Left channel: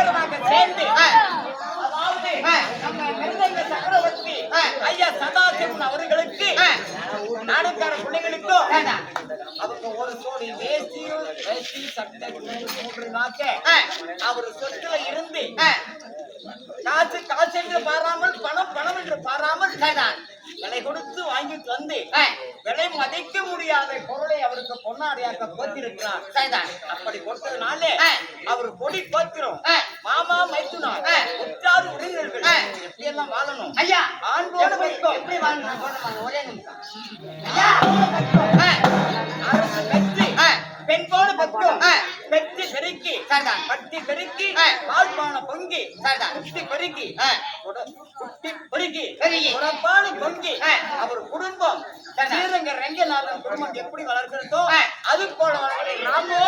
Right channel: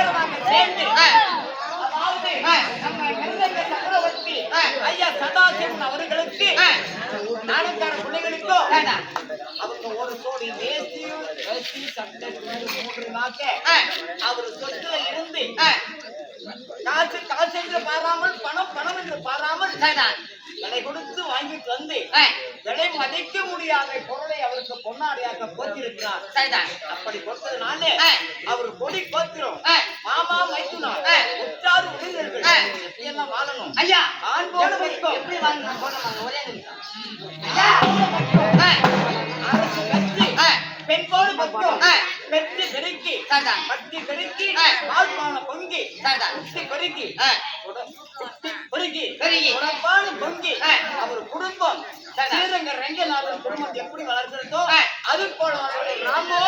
பேருமாக சேர்ந்து அதாவது நம்ம மிருதங்க சக்கரவர்த்தி ஐயா சதாசிவன் அவர்களுக்கு நாடகார பிள்ளைகளுக்கும் அவங்க ஒரு சோடி வேஷ்டி சட்டை 3 நாக்க அவர் சொத்துல இருந்து காசு என்று பாராமல் பணம் என்று பாராமல் விலை கொடுத்து வாங்கிட்டு வந்து விலை மதிக்க முடியாத பொருளை அவருக்கு பொன்னாடியாக போத்திருக்கிறார். அப்படி கொடுத்ததுனால அவர் கொடி போத்திரும் மாமா மைத்துனா உற்றார் உறவினர்கள் எப்படி எல்லாம் வாழணும் ஐயா. ஆண்போடு வைக்கும் எப்படி வாழணும் ஒரே நிமிஷம் அரசு கட்சி பெண்போடு பக்கம் பெற்று பெருக்கி பட்டி பெருக்கி பால்பான பொங்கி குட்டி பெருக்கி குட்டி பெருக்கி உடம்பான பொங்கி அவர் குடும்பம் ஸ்ரீரங்க ரங்கநாதன் குடும்பம் எப்படி வளர்க்கிறதோ அது போல ராமோ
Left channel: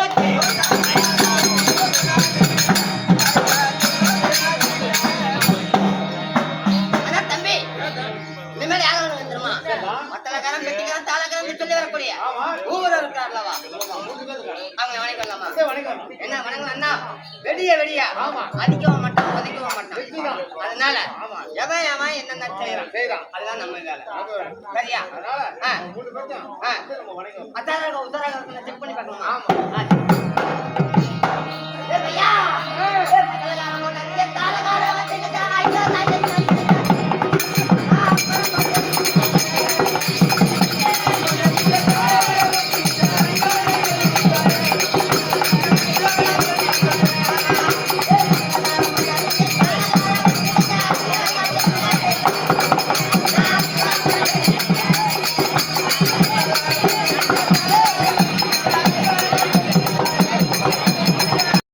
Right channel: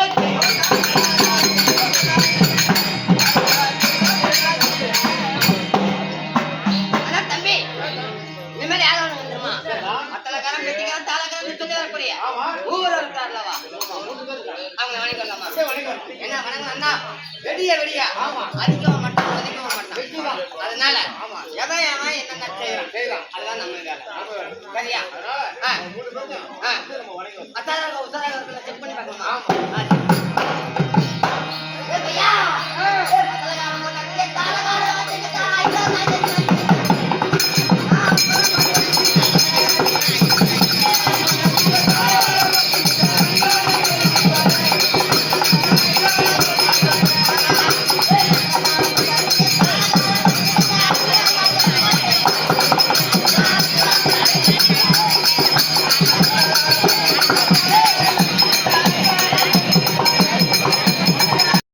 தம்பி இனிமேல் யாரும் வந்துருமா மத்தலக்காரன் பெட்டிக்காரன் தாளக்காரன் சொல்லி வரக்கூடிய ஊர் இருக்கார்லவா அவங்க வணங்கலாமா என்ன வணங்கலாம் வெடியா அடிக்கவும் மாட்டான் ஒதுக்கவும் மாட்டான். அதனால எவன் என்னென்ன செய்யறான் அதுதான் நம்ம வேலை சரியா. அத்தாராக உத்தராக செக் பண்ணி பார்க்கலாமா?